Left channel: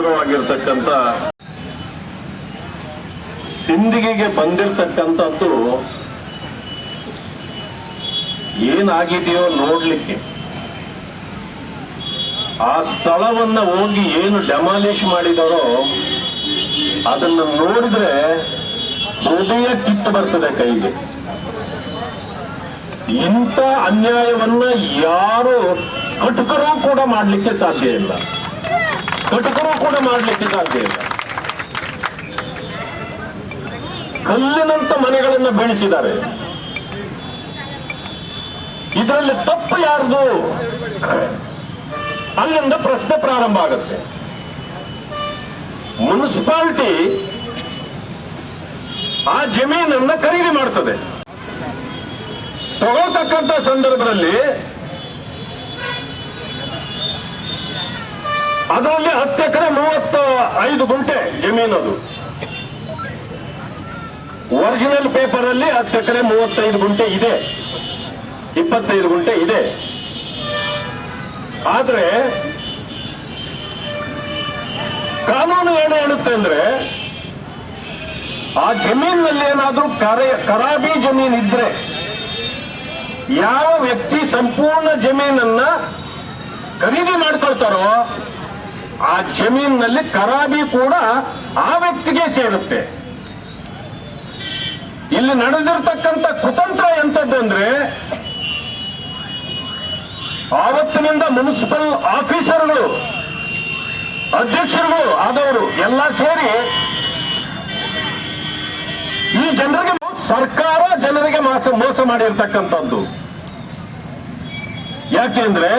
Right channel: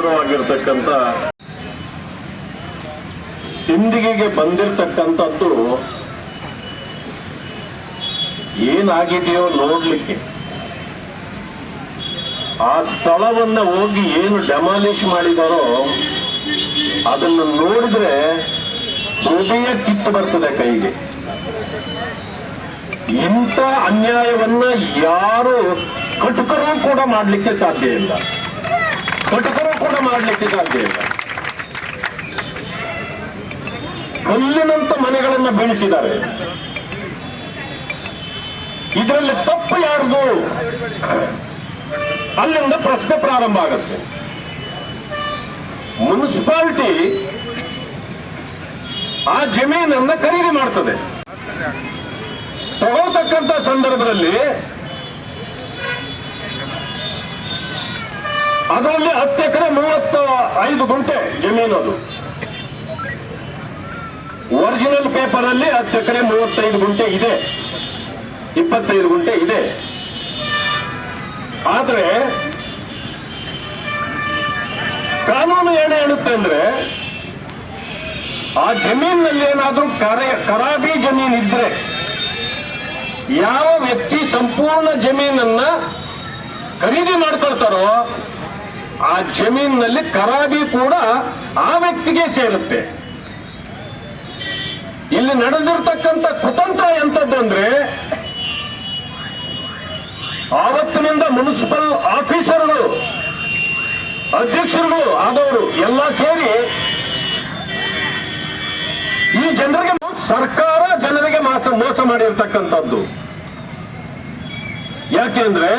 ಸುಂದರವಾಗಿರ್ತಕ್ಕಂಥ ಸಿಂದಿಗೆಗೆ ಬಂದಿರತಕ್ಕಂಥದ್ದು ಏನಾಗಿದೆಯೋ ನೋಡ್ಲಿಕ್ಕೆ. ಆ ಸ್ಥಳವನ್ನ ಹೋಗಿ ಏನು ಡೆಮಾಲಿಷ್ ಮಾಡಿದಾರೋ ಅದನ್ನು ನೋಡಿದ್ರೆ ಹೃದಯ ಕಿತ್ತು ಬರ್ತದೆ ಕೈಗೆ. ಇಂಥ ಅನ್ಯಾಯವನ್ನ ಯಾರು ಕಟುಕರು ಕೂಡ ಮಾಡಲಿಕ್ಕೆ ಸಾಧ್ಯ ಇಲ್ಲ. ಕಟುಕರು ಕೂಡ ಮಾಡಲಿಕ್ಕೆ ಸಾಧ್ಯ ಇಲ್ಲ ಕಲ್ಲಿನಂತ ಮನೆಗಳನ್ನ ಬೆಳೆಸಿದ್ದಾರೆ. ಇದರಲ್ಲಿ ತಪ್ಪು ಯಾರ್ದು? ಅಲ್ಲಿಂದ ಪ್ರಶ್ನೆ ಪ್ರಾರಂಭ ಆಗುತ್ತೆ. ಮುನ್ಸಿಪಾಲಿಟಿ ಆ ಜಮೀನನ್ನ ಖರೀದಿ ಮಾಡ್ತದೆ. ತಗೊಳ್ತಕ್ಕಂಥ ಸಂದರ್ಭದಲ್ಲಿ ಅದರಲ್ಲಿ ಹತ್ತು ಎಕರೆ ಮೂವತ್ತ ಐದು ಗುಂಟೆ ಜಮೀನದು ಒರಿಜಿನಲ್ ಪೇಪರ್ ಅಲ್ಲಿ ಹತ್ತು ಎಕರೆ ಮೂವತ್ತೈದು ಗುಂಟೆ ಇದೆ. ಇಪ್ಪತ್ತೈದು ಗುಂಟೆ ಇದೆ. ಆದ್ರೆ ಕಾನೂನು ಏನು ಹೇಳುತ್ತೆ ಅಂದ್ರೆ ಆ ಜಮೀನಿನಲ್ಲಿ ಏನಾದರೂ ಕರೆ ಖರಾಬಿ ಜಮೀನ್ ಇದ್ರೆ ಯಾವ ವ್ಯಕ್ತಿ ಸಂಪೂರ್ಣ ಜಮೀನನ್ನ ಖರೀದಿ ಮಾಡ್ಕೊಳ್ತಾರೋ ಆ ಜಮೀನಿನಲ್ಲಿ ಕರಾಬಿ ಕೂಡ ಆ ವ್ಯಕ್ತಿಗೆ ಸೇರುತ್ತೆ. ಇಲ್ಲಿ ನಡೆದಿರ್ತಕ್ಕಂಥ ಕುತಂತ್ರ ಎಂತದ್ದು ಅಂದ್ರೆ, ಆವತ್ತಿನಿಂದ ಮುನ್ಸಿಪಲ್ ಆಫೀಸರ್ಗಳು, ಅಧ್ಯಕ್ಷರುಗಳು, ಆದವರು ಎಲ್ಲ ಸೇರಿ ಈ ಜನರಿಗೆ ಸರ್ಕಾರ ಜನರಿಗೆ ಮೋಸ ಮೋಸ ಮಾಡಿರ್ತಕ್ಕಂಥದ್ದು. ಯಾಕೆಂದ್ರೆ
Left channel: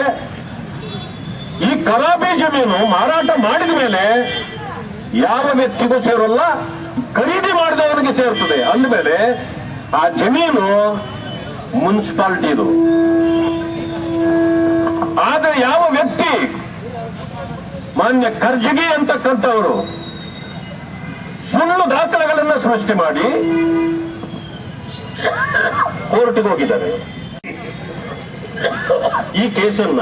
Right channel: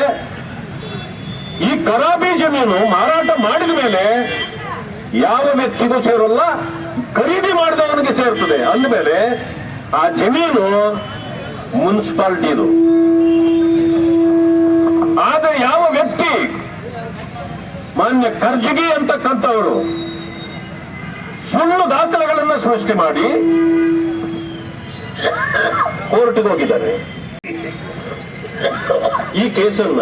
ಈ ಕರಾಬಿ ಜಮೀನು ಮಾರಾಟ ಮಾಡಿದ ಮೇಲೆ ಯಾವ ವ್ಯಕ್ತಿಗೂ ಸೇರಲ್ಲ, ಖರೀದಿ ಮಾಡಿದವನಿಗೆ ಸೇರ್ತದೆ. ಅಂದಮೇಲೆ ಆ ಜಮೀನು ಮುನ್ಸಿಪಾಲ್ಟಿದು. ಆದ್ರೆ ಯಾವ ವ್ಯಕ್ತಿ ಮಾನ್ಯ ಖರ್ಜಗಿ ಅಂತಕ್ಕಂಥವರು ಸುಳ್ಳು ದಾಖಲೆಗಳನ್ನ ಸೃಷ್ಟಿ ಮಾಡಿ ಕೋರ್ಟ್ಗೆ ಹೋಗಿದ್ದಾರೆ. ಈ ಕೇಸನ್ನ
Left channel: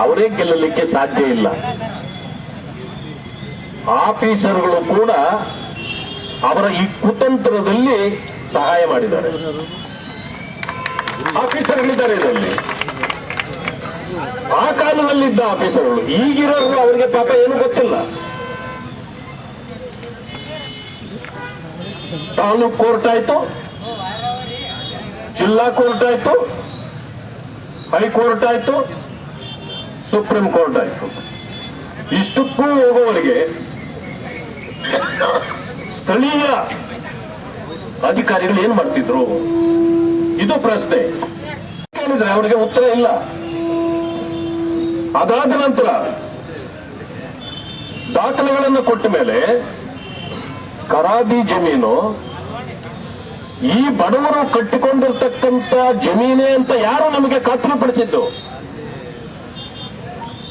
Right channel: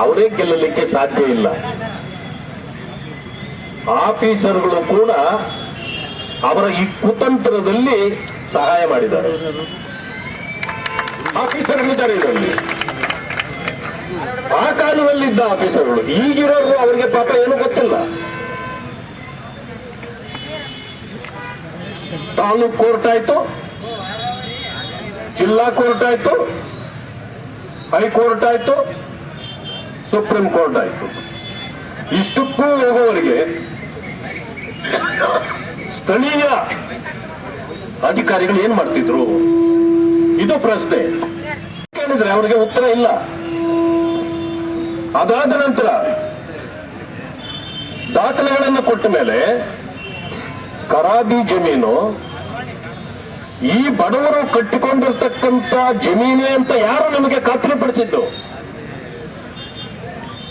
ಅವರೇ ಗೆಲ್ಲಲಿಕ್ಕೆ ಸಾಧ್ಯ ಇಲ್ಲ. ಆಫೀಸರ್ಗಳು ಕೂಡ ಅವರ ಈ ಕುತಂತ್ರದಲ್ಲಿ ಸಹಾಯ ಮಾಡಿದ್ದಾರೆ. ಆಫೀಸರ್ಗಳಿದ್ದಾರೆ ಇದರಲ್ಲಿ ಆ ಕಾಲದಲ್ಲಿದ್ದ ಆಫೀಸರ್ಗಳು, ಈಗಿರೋರು ಅವರಿಗೆ ಪಾಪ ಏನು ಗೊತ್ತಿಲ್ಲ. ತಾಲೂಕ್ ಕೋರ್ಟ್ ಆಯ್ತು, ಜಿಲ್ಲಾ ಕೋರ್ಟ್ ಆಯ್ತು, ಹೈಕೋರ್ಟ್ ಆಯ್ತು ಸುಪ್ರೀಂ ಕೋರ್ಟ್ ಆಯ್ತು. ಇಷ್ಟಕ್ಕೂ ಹೋಗುವವರಿಗೆ ಸ್ಥಳೀಯ ಅಧಿಕಾರಿಗಳು ಏನ್ ಮಾಡ್ತಿದ್ರು? ಇದು ಪ್ರಶ್ನೆ. ಕೇಳಿದ್ರೆ ಅವರಿಗೆ ಉತ್ತರ ಇಲ್ಲ. ಅದಾದ ನಂತರ ದಾಖಲೆಗಳನ್ನು ಕೊಟ್ಟ ಮೇಲೆ ಕರಾಬಿ ಜಮೀನು ಈ ಬಡವರು ಕಟ್ಟಿಕೊಂಡಿರ್ತಕ್ಕಂಥ ಜಮೀನೇ ಅಂತ ಯಾರು ನಮಗೆ ಖಾತ್ರಿಪಡಿಸಿದ್ದು.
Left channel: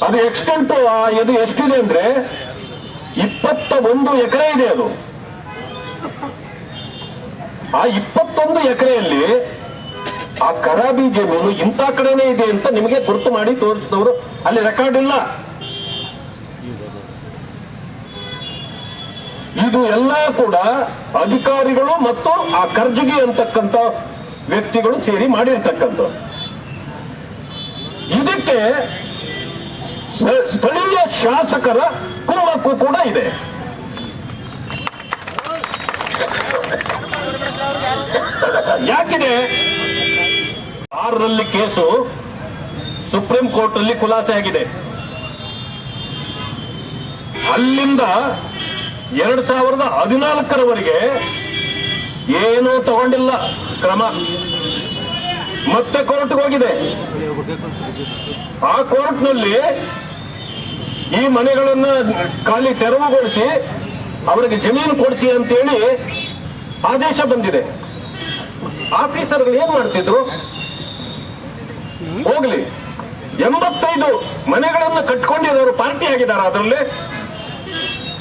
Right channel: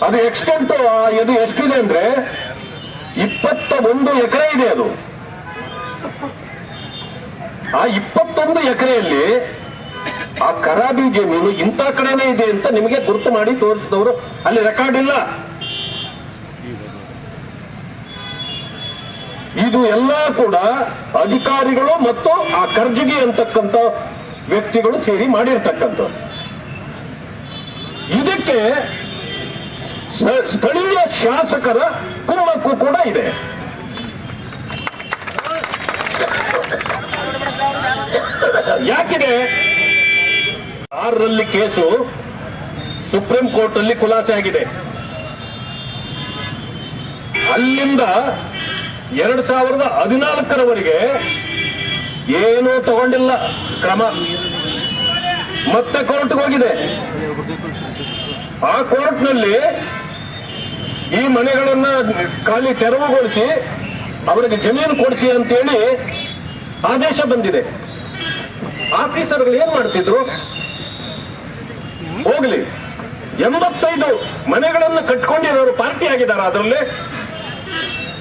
ಅದು ಎಕ್ಸ್ಟೆಂಟ್ ಇದು ಎಷ್ಟಿದೆ ಅಂದ್ರೆ ಇಪ್ಪತ್ತ ಒಂದು ಎಕರೆ ಇದೆ ಅದು. ಆ ಇಪ್ಪತ್ತೊಂದು ಎಕರೆಯಲ್ಲಿ ಆ ಕರಾಬಿ ಜಮೀನು ಇಂಥ ಕಡೆನೇ ಇದೆ ಅಂತ ನಿಮಗೆ ಗುರುತು ಮಾಡಿ ತೋರಿಸಿದವರು ಅಲ್ಲಿ ರೆಕಾರ್ಡ್ ಇಲ್ಲ. ಇದು ಎಲ್ಲ ಕೂಡ ಅಧಿಕಾರಿಗಳು ಮತ್ತು ಆ ಕರ್ಜಿಗೆ ಅಂತಕ್ಕಂಥ ವ್ಯಕ್ತಿಗಳು ಸೇರಿ ಮಾಡಿರ್ತಕ್ಕಂಥ ಇದಕ್ಕೆ ಸ್ಥಳೀಯ ಶಾಸಕರ ಕುಮ್ಮಕ್ಕು ಕೂಡ ಇದೆ. ಯಾಕಿದೆ? ಆರರಲ್ಲಿ ಕೇಸು ಸುಪ್ರೀಂ ಕೋರ್ಟ್ ಅಲ್ಲಿ ಖುಲಾಸೆ ಆಗಿದೆ. ಅಲ್ಲಿಂದ ಎರಡ್ ಸಾವಿರದ ಹದಿನಾಲ್ಕರವರೆಗೆ ಏನೂ ತಗೊಂಡಿಲ್ಲ ಕ್ರಮ. ಮತ್ತೆ ಕೋರ್ಟ್ಗೆ ಹೋಗಿದೆ. ಆ ಕೋರ್ಟ್ನಲ್ಲಿ ಈ ಮನೆಗಳನ್ನ ಖಾಲಿ ತೆರವುಗೊಳಿಸಿ ಅವರಿಗೆ ಜಮೀನು ಕೊಡಿಸಿ ಅಂತೇಳಿ ಆದೇಶ ಬಂದಿದೆ. ಆಫೀಸರ್ಗಳು ಏನ್ ಮಾಡ್ತಿದ್ರು? ಹೋಗ್ಲಿ. ಎಂಬತ್ತೈದು ಮನೆಗಳನ್ನು ಕಟ್ಕೊಂಡಿರೋರು ಪಾರ್ಟಿ ಆಗಿದ್ದಾರೆ ಅದರಲ್ಲಿ.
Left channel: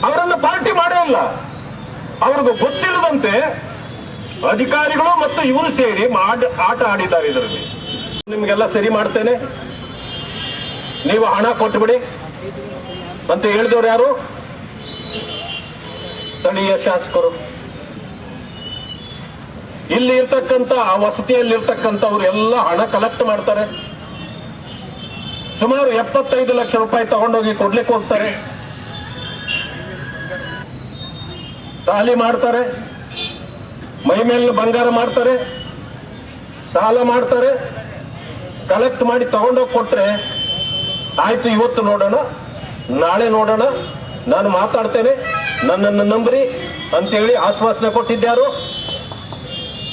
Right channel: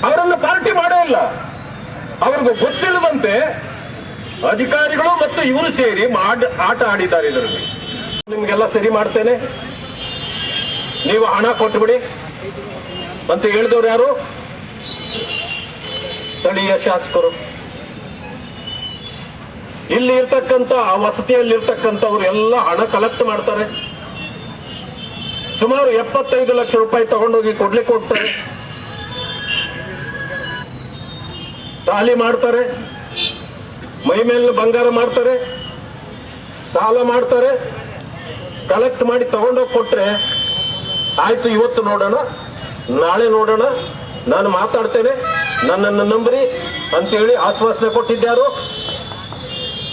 ಅವರನ್ನು ಪಾರ್ಟಿ ಮಾಡೇ ಇಲ್ಲ. ಅವ್ರಿಗೂ ಗೊತ್ತಿಲ್ಲದಂತೆ ಅಧಿಕಾರಿಗಳು ಮತ್ತು ಇವರು ಸೇರಿ ಆಟ ಆಡಿದ್ದಾರೆ ಇದರಲ್ಲಿ. ನಿಮ್ಗೆಲ್ಲ ಸರಿ ಮಾಡ್ತೇನೆ. ನೀವು ಹಣ ಕೊಟ್ಬಿಡಿ. ಅಂತ ಹೇಳಿದವರು ಯಾರು? ಸ್ಥಳೀಯ ಶಾಸಕರು. ಇಲ್ಲಿ ಇರ್ತಕ್ಕಂಥ, ಆ ವಸತಿಯಲ್ಲಿ ಇರ್ತಕ್ಕಂಥವ್ರು ಎಲ್ಲ ಹಣ ಕಲೆಕ್ಟ್ ಮಾಡ್ತಾರೆ. ಸುಮಾರು ಎಪ್ಪತ್ತೈದು ಲಕ್ಷ ರೂಪಾಯಿ ತಗೊಂಡೋಗಿ ಕೊಡ್ಲಿಕ್ಕೆ ಹೋಗ್ತಾರೆ. ತಾಲಿ ಮಾಡ್ತಾರೆ. ಮೈ ಮೇಲೆ ಬಂಗಾರ ಮಾಡ್ತಾರೆ. ಸಾಲ ಮಾಡ್ತಾರೆ. ಕಲೆಕ್ಟ್ ಮಾಡಿ ತಗೊಂಡೋಗಿ ಕೊಟ್ರೆ, ಆಯ್ತು, ಇವತ್ತು ನೋಡೋಣ. ನಾಳೆ ನೋಡೋಣ. ನಾನು ಮಾತಾಡ್ತೇನೆ. ನನ್ನನ್ನು ನಂಬ್ರಿ ಅಂತೇಳಿ ಆಶ್ವಾಸನೆ ಕೊಟ್ಟಿದ್ದಾರು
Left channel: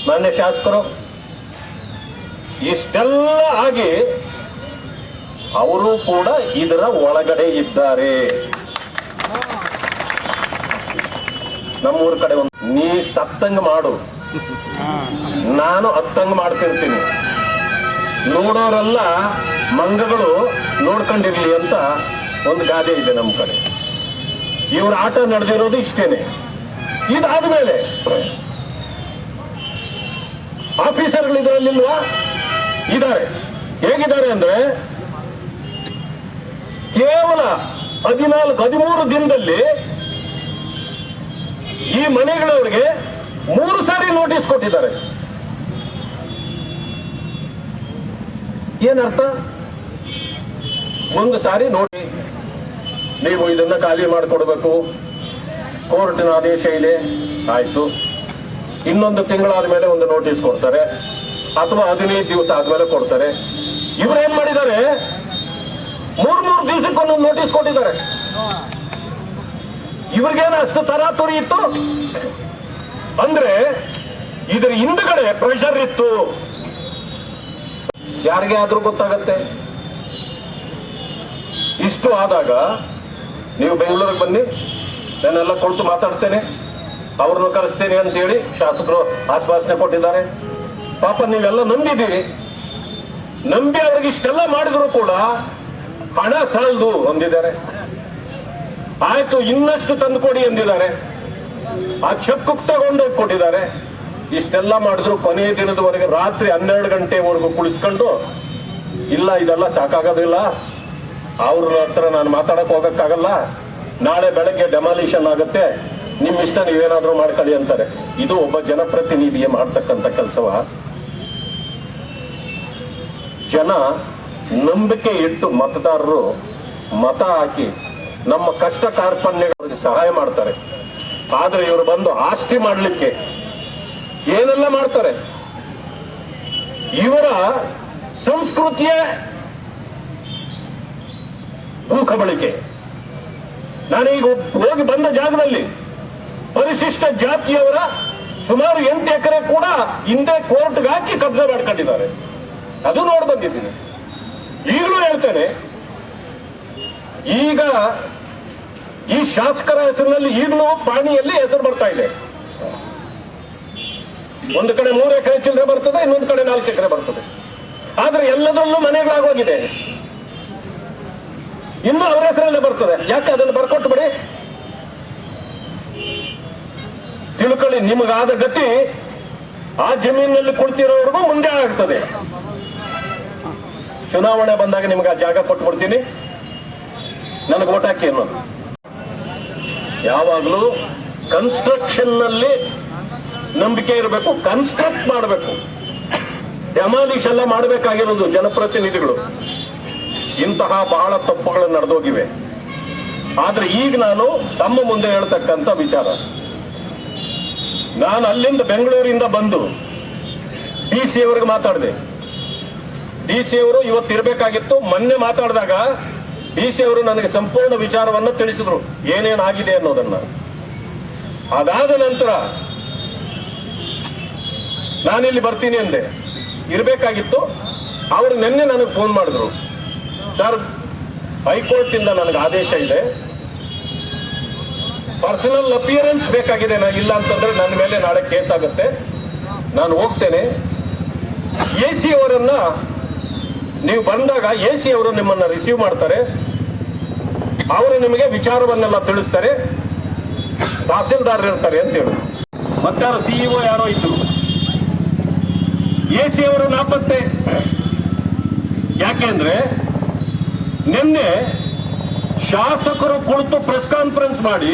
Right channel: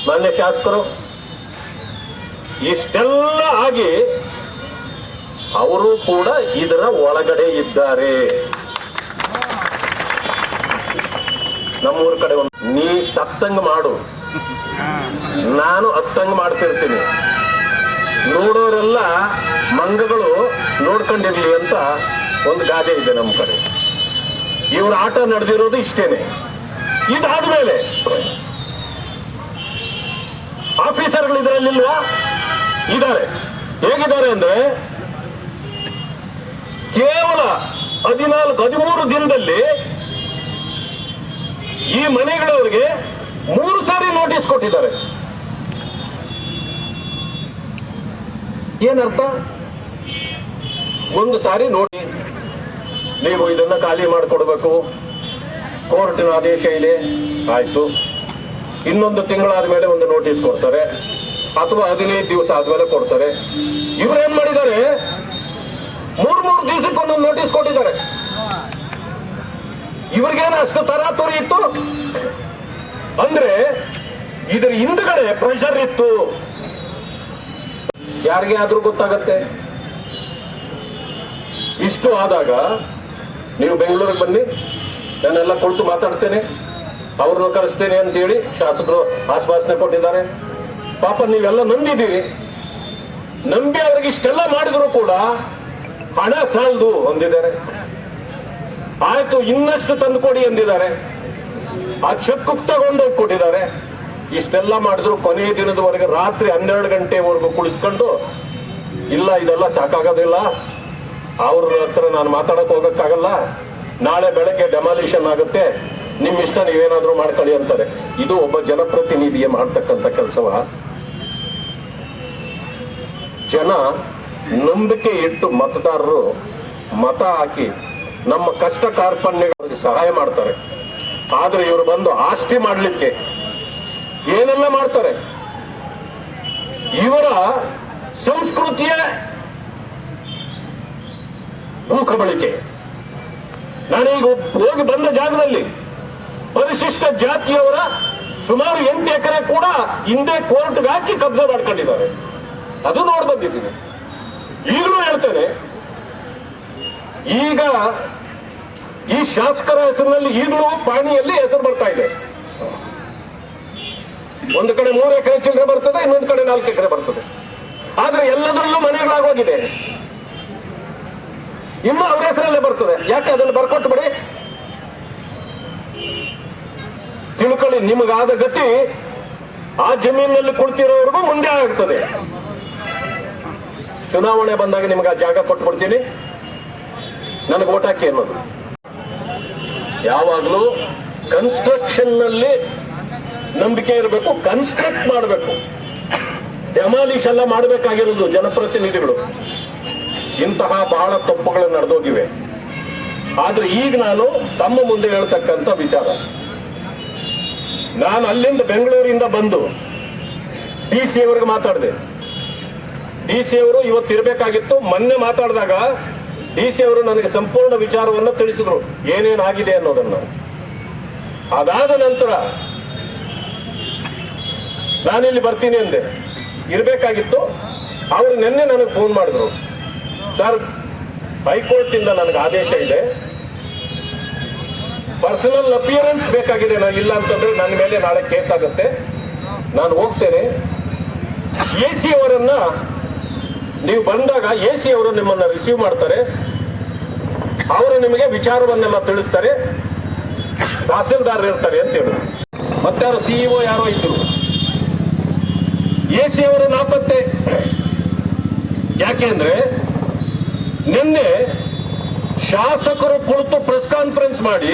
ಮಾನ್ಯ ಶಾಸಕರು, ಇಷ್ಟೆಲ್ಲ ಆಗಿ ಅವರು ಕೂಡ ಇದರ ಒಳಗಡೆ ಇದ್ದಾರೆ. ನಮ್ಮೂರ ಕಡೆ ಒಂದು ನೀ ಸತ್ತಂಗ್ ಮಾಡು. ನಾನು ಅತ್ತಂಗ್ ಮಾಡ್ತಿರ್ತೀನಿ. ನೋಡೋರೆಲ್ಲ ಮಂಗಗಳು ನೋಡ್ಕೊಂಡಿರ್ಲಿ ಅಂತ ಒಂದು ಗಾದೆ ಇದೆ ನಮ್ಮ ಕಡೆ. ಇವ್ರ ಆಟ ನಡೆದಿರೋದು ಇಷ್ಟೇನೆ. ಇದಾದ್ಮೇಲೆ ಆಫೀಸರ್ಗಳು ಇದರಲ್ಲಿಲ್ವಾ ಇದ್ದಾರೆ. ಹೇಗಿದ್ದಾರೆ ಅಂದ್ರೆ ಕೇವಲ ಹದಿನಾಲ್ಕು, ಹದಿಮೂರು ದಿನದಲ್ಲಿ ಈ ಮನೆಗಳವರಿಗೆ ಮೂರು ಸಾರಿ ನೋಟಿಸ್ ಕೊಟ್ಟಿದ್ದಾರೆ. ಏನರ್ಥ? ಒಂದು ಸಾರಿ ನೋಡಿ ನೀವು ಇದನ್ನ ಖಾಲಿ ಮಾಡಿಕೊಡ್ಬೇಕು. ಕೋರ್ಟಿನ ಆದೇಶ ಇದೆ. ಆಯ್ತು. ಇನ್ನೊಂದು ತಿಂಗಳಾದ ಮೇಲೆ ಒಂದು ನೋಟಿಸ್ ಕೊಡ್ತಾರೆ. ಅಥವಾ ಹದಿನೈದು ದಿವಸ ಆದ್ಮೇಲೆ ಕೊಡ್ತಾರೆ. ಇವ್ರೇನ್ ಮಾಡಿದ್ದಾರೆ? ಮೂರ್ ಮೂರು ದಿವಸಕ್ಕೊಂದೊಂದು ನೋಟಿಸ್ ಕೊಟ್ಟಿದ್ದಾರೆ. ಇವ್ರಿಗೇನು ಅಷ್ಟು ತರಾತುರಿ ಇತ್ತು? ಅಂದ್ರೆ ಇದ್ರ ಹಿಂದ್ಗಡೆ ಪ್ರೆಷರ್ ಇತ್ತು. ಯಾರಿಗೆ ಆದ್ರೂ ಗೊತ್ತಾಗತ್ತೆ? ಇಷ್ಟು ಆದಾಗ ನೀವು ಬೆಂಗಳೂರಿಗೆ ಬನ್ನಿ, ನಾನೆಲ್ಲ ಕುಳಿತು ಮಾತಾಡ್ತೇನೆ. ಅವ್ರನ್ನ ಕರೆಸ್ತೇನೆ ಅಂತೇಳಿ ಶಾಸಕರು ಆಶ್ವಾಸನೆ ಕೊಟ್ಟಿದ್ದಾರೆ. ಪಾಪ ನೀವೆಲ್ಲ ನಂಬಿದ್ದೀರಿ. ನಂಬಿ ಅವ್ರಿಗೆ ಇಷ್ಟೆಲ್ಲ ಮಾಡಿದ್ರು ಕೂಡ ಹಣ ಸಾಲದು ಅಂದಿದ್ದಾರೆ. ಆಯ್ತು, ಇನ್ನಷ್ಟು ತಂದು ಕೊಡಿ ಎಂದಿದ್ದಾರೆ ಆ ಚೆಕ್ ತಗೊಂಡೋಗಿ ಕೊಟ್ಟಿದ್ದಾರೆ. ಇಷ್ಟೆಲ್ಲ ಮಾಡಿದ್ರು ಕೊನೆಯ ದಿನದವರೆಗೆ ರಾತ್ರಿ ಹನ್ನೆರಡು ಗಂಟೆವರೆಗೂ ಕುಳಿಸ್ಕೊಂಡು, ಇಲ್ಲ, ಇದೆಲ್ಲ ಸಾಕಾಗೋದಿಲ್ಲ. ಅವ್ರ ಹತ್ರ ನಾನು ಮಾತಾಡಕ್ ಹೋಗಕ್ಕಾಗಲ್ಲ. ನಾಳೆ ಬೆಳಗ್ಗೆ ಡೆಮಾಲಿಷನ್ ಆಗುತ್ತೆ. ನಿಮ್ ಇಷ್ಟ ನೀವೇನಾದ್ರೂ ಮಾಡ್ಕೊಳ್ಳಿ ಅಂತಾರೆ. ಇದು ಒಬ್ಬ ಜನಪ್ರತಿನಿಧಿಯ ಮಾಡ್ತಕ್ಕಂಥ ಕೆಲಸವ. ಜನ ನಂಬಿಕೆ ಇಟ್ಟು ಮತದಾರರು ಮತ ಹಾಕಿ ನಮ್ಮ ಕಷ್ಟ ಕಾರ್ಪಣ್ಯಗಳಿಗೆ ಸಹಾಯ ಮಾಡ್ತಾರೆ. ಆದ್ರೆ ಇವರು ಬಂದು ಆಸ್ತಿ ಮಾಡಲಿಕ್ಕೆ ಏನೆಲ್ಲ ಮಾಡ್ತಾರೆ? ಇವರ ಸಂಸ್ಕೃತಿಯ ಭೂಕಬಳಿಕೆ ನಾನೀಗ ಹೋಗಿ ಬಂದ ಜಾಗದಲ್ಲಿ ಪರಿಶಿಷ್ಟ ಜಾತಿಯವರ ಸುಮಾರು ಎಂಟು ಎಕರೆ ಕೂಡ ಹಿಂದೆ ಕೋರ್ಟ್ಗೆ ಹಾಕಿ ಕಬ್ಜೆ ಮಾಡ್ಕೊಂಡಿದ್ದಾರೆ. ಅದು ನೋಡಿ ಬಂದಿದ್ದೀನಿ. ಈಗಲೂ ಹೇಳ್ತೇನೆ, ಈಗ ಈ ಶಾಸಕರ ಹೆಸರಿನಲ್ಲಿ ಈಗಲೂ ಪಾಣಿಯಲ್ಲಿ ಹೆಸರು ಬರ್ತಾ ಇದೆ. ಒಂದು ಕಡೆ ಮೂರು ಎಕರೆ ಚಿಲ್ಲರೆ ಬರ್ತದೆ, ಇನ್ನೊಂದು ಕಡೆ ನಾಲ್ಕು ಎಕರೆ ಬರ್ತದೆ. ಆದ್ರೆ ಎಲ್ಲದರಲ್ಲೂ ಮನೆಗಳಾಗೋಗಿದೆ. ಇನ್ನು ಅವ್ರ ಹೆಸರಲ್ಲೇ ಬರ್ತದೆ. ಯಾಕೆ ಅದನ್ನು ಬರ್ಕೊಟ್ಟು ಬಿಡಿ ತಿಳ್ಕೊಳ್ಳಿ, ನಿಮಗಾದ ಗತಿ ಆ ಜಮೀನಿನಲ್ಲಿ ಕುಳಿತಿರೋವರೆಗೂ ಮುಂದೆ ಆಗ್ತದೆ. ಚುನಾವಣೆ ಬಂದಾಗ ನಿಮ್ಗೆ ಆ ಜಾಗ ಕೊಟ್ಬಿಡ್ತೀನಿ. ನನಗೆ ಓಟ್ ಹಾಕಿ ಅನ್ನೋದು. ಯಾವಾಗಲೂ ಕನ್ಸ್ಟ್ರಕ್ಷನ್ನಲ್ಲಿ ನಂಬಿಕೆ ಇರಬೇಕು ಕನ್ಸ್ಟ್ರಕ್ಟ್ ಮಾಡಬೇಕು. ಡೆಮಾಲಿಷ್ ಎಲ್ಲ ಮಾಡಬೇಕಾಗಿರೋದು ಜನಪ್ರತಿನಿಧಿಗಳು. ಇಂತಹ ಬಹಳ ತಪ್ಪುಗಳು ನಡೆದೋಗಿವೆ. ಆದ್ರೆ ಈಗ ನಾನು ತಮ್ಮ ಮುಂದೆ ಹೇಳ್ತಕ್ಕಂಥ ವಿಚಾರ. ನಾನು ಅಲ್ಲಿಂದ ಬೆಂಗಳೂರಿಂದ ಬಂದು ಡಿ ಸಿ ಅವರಿಗೆ ಮಾತಾಡಿದೆ. ಡಿ ಸಿ ಅವರು ಇವತ್ತು ಇರಬೇಕಾಗಿತ್ತು. ಮೊನ್ನೆ ಮಾತಾಡಿದಾಗ ಡಿ ಸಿ ಅವರು ನನಗೆ ಸಂಪೂರ್ಣ ವಿಚಾರವನ್ನು ತಿಳಿಸಿದ್ರು. ಏನೇನಾಗಿದೆ ಅನ್ನೋದನ್ನ. ಅದಾದ ನಂತರ ನಾನಿಲ್ಲಿ ಬರ್ತೀನಿ ಅಂದೆ. ಇರಬೇಕಾಗಿತ್ತು. ಅವರು ನಿನ್ನೆ ನನಗೆ ಫೋನ್ ಮಾಡಿದ್ರು. ಸರ್ ಹೈಕೋರ್ಟ್ ಇಂದ ನನಗೆ ಆದೇಶ ಇದೆ. ಪರ್ಸನಲ್ ಅಪಿಯರೆನ್ಸ್ ಬೇಕಾಗಿದೆ ನಾನು ಇಲ್ಲ ಅಂತಂದ್ರೆ ನನ್ನ ಮೇಲೆ ನಾಳೆ ಕೇಸ್ ಆಗುತ್ತೆ. ನಾನು ಹೋಗ್ತೇನೆ. ಎ ಸಿ ಅವರನ್ನ ನೀವು ಬಂದಾಗ ಎ ಸಿ ಅವರು ನಿಮ್ಮನ್ನ ರಿಸೀವ್ ಮಾಡ್ತಾರೆ. ಅವರು ನಿಮಗೆ ವಿಚಾರವನ್ನೆಲ್ಲ ತಿಳಿಸ್ತಾರೆ. ತಹಸೀಲ್ದಾರ್ ಇರ್ತಾರೆ ಅಂತ ಹೇಳಿ. ಮತ್ತಾರು ಸಿಇಒ ಯಾರೋ ಇದ್ರು. ಎ ಸಿ ಅವರು ನಾಪತ್ತೆ. ಯಾಕೆಂದ್ರೆ ನಿನ್ನೆ ಶಾಸಕರು ಕುಳಿತು ಪ್ರೆಸ್ ಕಾನ್ಫರೆನ್ಸ್ ಮಾಡಿ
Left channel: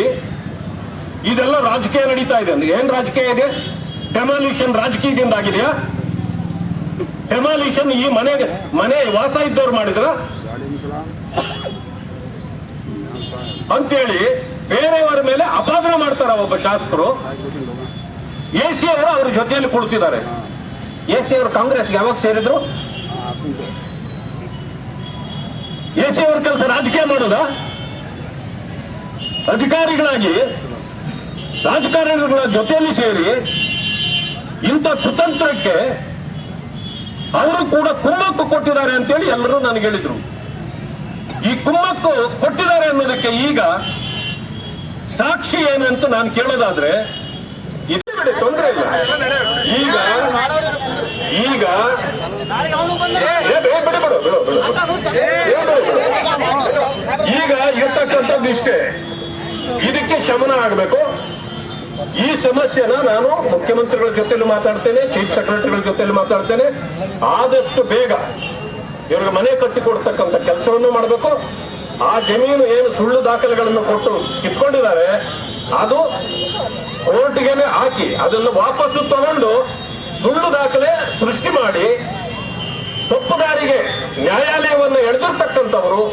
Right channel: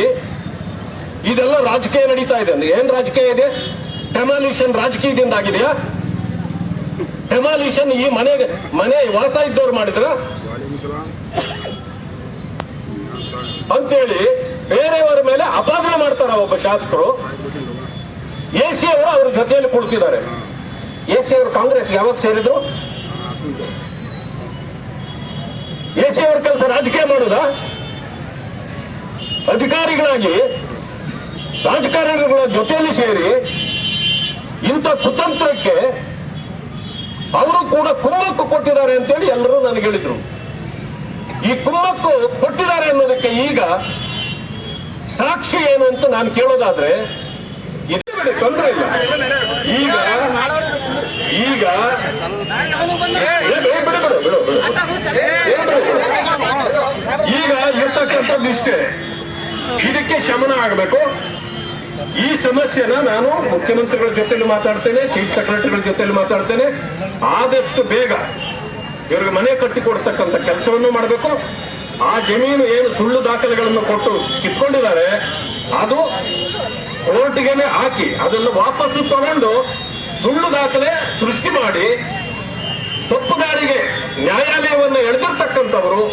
ಇದೆಲ್ಲ ರಾಜಕೀಯ ನಡೀತಾ ಇದೆ. ಏನ್ ರಾಜಕೀಯ ಇದೆ? ಟೆಮಾಲಿಷನ್ ರಾಜಕೀಯದಿಂದ ಆಗಿದೆಯಾ? ಟೆಮಾಲಿಷನ್ ಈ ಮನೆಗೆ, ಮನೆ ವಾಸ ಇದ್ದವ್ರು ಮಾಡಿದ್ರ? ಅಂತೇಳಿ ಬೇರೆಯವರ ಮೇಲೆ ಅಪಾದನೆ ಮಾಡ್ತಾರ ಒಬ್ಬ ಶಾಸಕರು? ಎ ಸಿ ಅವರು ಅವ್ರ ಜೊತೆಯಲ್ಲಿ ಕುಳಿತಿದ್ದಾರೆ. ಎ ಸಿ ಅವರು ಕಾಂಗ್ರೆಸ್ ಯಾವಾಗ ಸೇರಿದ್ರು? ಎ ಅವ್ರ ಕೆಲಸ ರಾಜಕೀಯ ಮಾಡೋದ? ಅಧಿಕಾರಿಗಳಾಗಿ ರಾಜಕಾರಣಿಗಳ ಜೊತೆಯಲ್ಲಿ ಸೇರಿ ಇಂಥ ಕುತಂತ್ರಕ್ಕೆ ಅವರು ಕೂಡ ಕುಮ್ಮಕ್ಕು ಕೊಟ್ಟಿದ್ದಾರೆ ಅಂತೇಳಿ ಎಲ್ಲರೂ ನನಗೆ ಹೇಳಿದ್ರು. ಈ ಕುಮ್ಮಕ್ಕು ಕೊಟ್ಟಿದ್ದಾರೆ ಅನ್ನೋದಕ್ಕೆ ಈಗ ಸಾಕ್ಷಿ ಏನು ಅಂತ ನಾನು ಕೇಳೋದಾದ್ರೆ ತೊಂದರೆ ಇಲ್ಲ. ಈಗ ಈಗ ಏ, ಬೇ- ಬಿಡು, ಬಿಡು, ಬಿಡು, ಬಿಡು. ಏ, ಬಿಡು, ಬಿಡು. ಈಗ ಇರ್ತಕ್ಕಂಥದ್ದು ಇಷ್ಟೇ ಇದಕ್ಕೆ ಶಮನ ಆಗಬೇಕು. ಈ ಸಮಸ್ಯೆನ ನಾನು ಮುಖ್ಯಮಂತ್ರಿಗಳ ಜೊತೆಲಿ ಮಾತಾಡ್ತೇನೆ, ಚೀಫ್ ಸೆಕ್ರೆಟರಿಗಳ ಜೊತೆಲಿ ಮಾತಾಡ್ತೇನೆ. ಆದಷ್ಟು ಬೇಗ ಇವ್ರಿಗೆ ಮನೆ ಕಟ್ಟಿಕೊಡ್ತಕ್ಕಂಥ ಕೆಲಸವನ್ನು ಮಾಡಬೇಕು. ಆ ಜಮೀನು ಏನು ಸುಳ್ಳು ದಾಖಲೆಗಳನ್ನು ಕೊಟ್ಟು ಕಿತ್ಕೊಂಡಿದ್ದಾರೆ, ಅದು ಕೋರ್ಟ್ಗೆನೆ ಹಾಕಿ ಅದನ್ನು ವಾಪಸ್ಸು ತಗೊಂಡು ಸುಳ್ಳು ದಾಖಲೆ ಸೃಷ್ಟಿ ಮಾಡಿ ತಪ್ಪುದಾರಿಗೆ ನ್ಯಾಯಾಲಯವನ್ನು ಎಳೆದಿರ್ತಕ್ಕಂಥವರು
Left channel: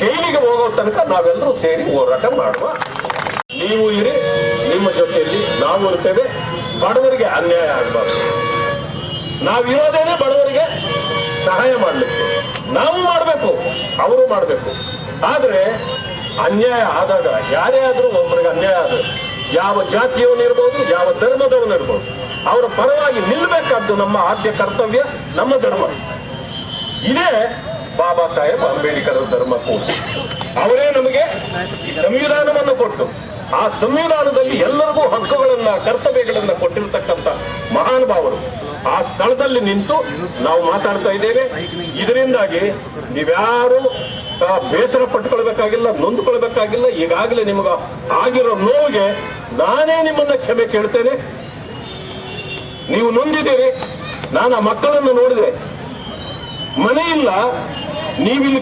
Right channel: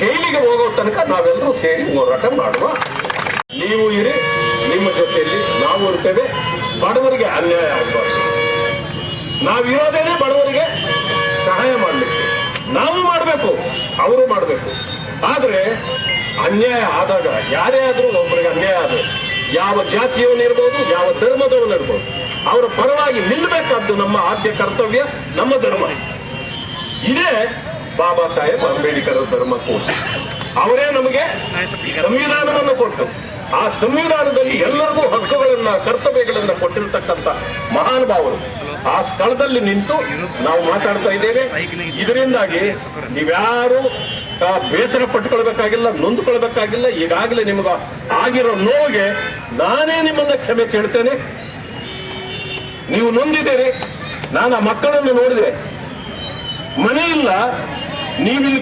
ಜೈಲಿಗೆ ಹೋಗೋ ತನಕ ನಾವೆಲ್ಲರೂ ಸೇರಿ ಹೋರಾಟ ಮಾಡುವ. ನೀವು ಇರಿ, ನಿಮ್ಮ ಜೊತೆಯಲ್ಲಿ ನಾವು ಇರ್ತೇವೆ. ಬಡವರಿಗೆ ಅನ್ಯಾಯ ಆಗಬಾರ್ದು. ನಾವಿರೋದೇನೆ ಬಡವರಿಗೆ ಸಹಾಯ ಮಾಡಲಿಕ್ಕೆ. ನಾವು ಮಾಡಬೇಕು, ಅವರು ಮಾಡಬೇಕು. ಆದರೆ ಅನ್ಯಾಯ ಆದಾಗ ಯಾರೇ ಆದರೂ ಒಬ್ಬರಿಗೆ ಅನ್ಯಾಯ ಆದರೆ, ಯಾವ ಜಾತಿಯವನಿರ್ಬೋದು ಯಾವ ಧರ್ಮದವನಿರ್ಬೋದು ಅವರ ಪರವಾಗಿ ನಿಲ್ಲಬೇಕಾದ್ದು ನಮ್ಮ ಆದ್ಯ ಕರ್ತವ್ಯ, ನಮ್ಮ ಧರ್ಮ. ಇದೇ ಬಾಬಾ ಸಾಹೇಬ್ ಅಂಬೇಡ್ಕರ್ ಧರ್ಮ ಕೂಡ ಅವರೇ ನಮಗೆ ಸಂವಿಧಾನವನ್ನು ಕೊಟ್ಟು, ಆ ಸಂವಿಧಾನದಲ್ಲಿ ಎಲ್ಲರಿಗೂ ಹಕ್ಕುಗಳನ್ನ, ಕರ್ತವ್ಯಗಳನ್ನ ಕೊಟ್ಟಿರ್ತಕ್ಕಂಥ ಮಹಾನುಭಾವರು. ಆ ಸ್ಥಳದಲ್ಲಿ ನಿಂತು ನಾವು ಮಾತಾಡ್ತಾ ಇದ್ದೇವೆ. ಇದರಿಂದಾಗಿ ನೀವ್ಯಾರು ಬೇಸರ ಪಟ್ಕೊಳ್ಬೇಕಾಗಿಲ್ಲ ನೊಂದ್ಕೊಳ್ಬೇಕಾಗಿಲ್ಲ. ಈಗಾಗಲೇ ನಿಮಗ ಆಗಿರೋ ನೋವಿಗೆ ನಾನೇ ನಿಮ್ಮನ್ನ ಕ್ಷಮೆ ಕೇಳ್ತೇನೆ. ನೀವು ನೊಂದಿದ್ದೀರಿ. ನಾನು ಆ ಮಕ್ಕಳನ್ನು ನೋಡಿದೆ. ಮನೆ ಇಲ್ಲ. ನೀವಿಲ್ಲಿ